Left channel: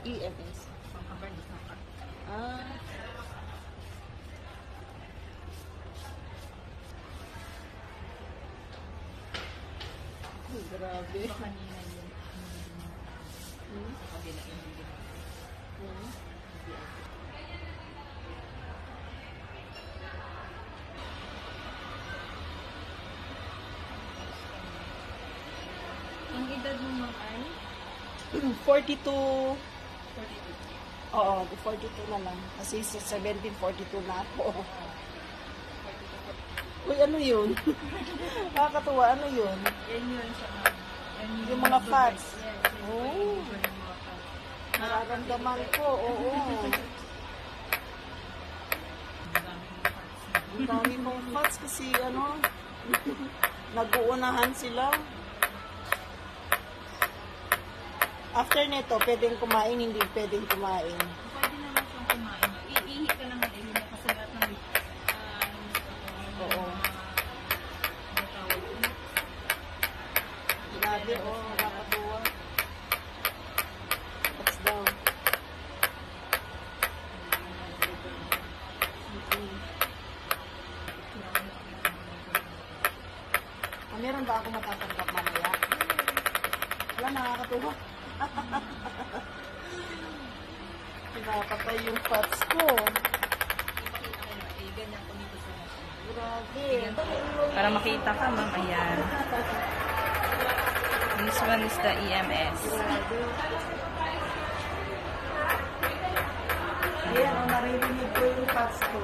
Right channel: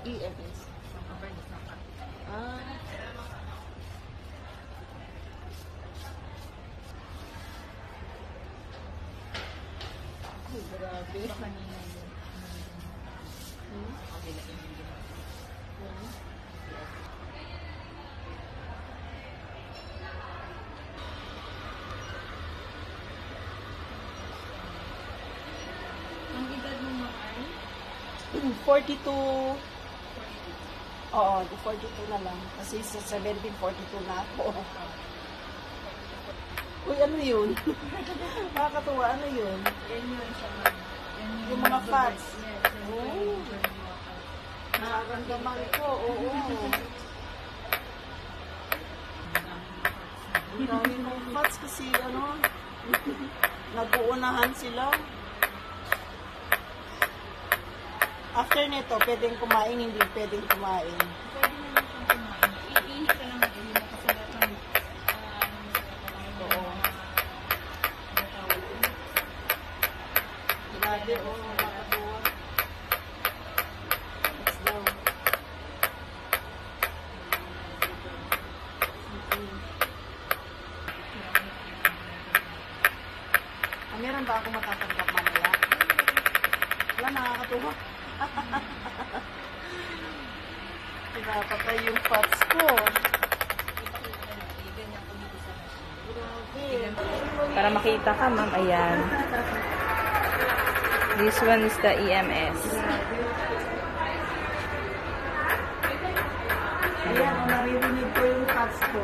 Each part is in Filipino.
EMS. Ah. Ay, grabe. Ang edad mo naman? 42. Oo, 42 na lang. Kasi sa 1742 na ako. Uy, ano yun? Nakakatuwa, ano yun? Yung mga fats. Oh. Nararamdaman ko, oo. Ang dami mga fats kasi, ano, nag-uunahan sila. After nito, pwedeng kumain, hindi pwedeng kumain. Pwede na lang kung kumain. Iihi ka lang at hindi makasulat ng Oo. Grabe, oh, nakakatuwa. Let's go. Meron ba ako matatanggap mamaya? Wala, nakakatuwa. Nakakatay yung pots ko. Grabe. Para makita ka, ma'am. Ayan. This one is the EMS. Ayan, oh, naririnig ko yung pots ko.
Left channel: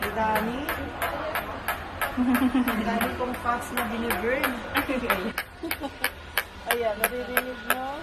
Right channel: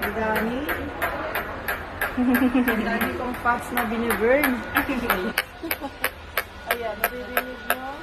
Ang dami. Ang dami kong pots na biniburn. Ayan, naririnig mo.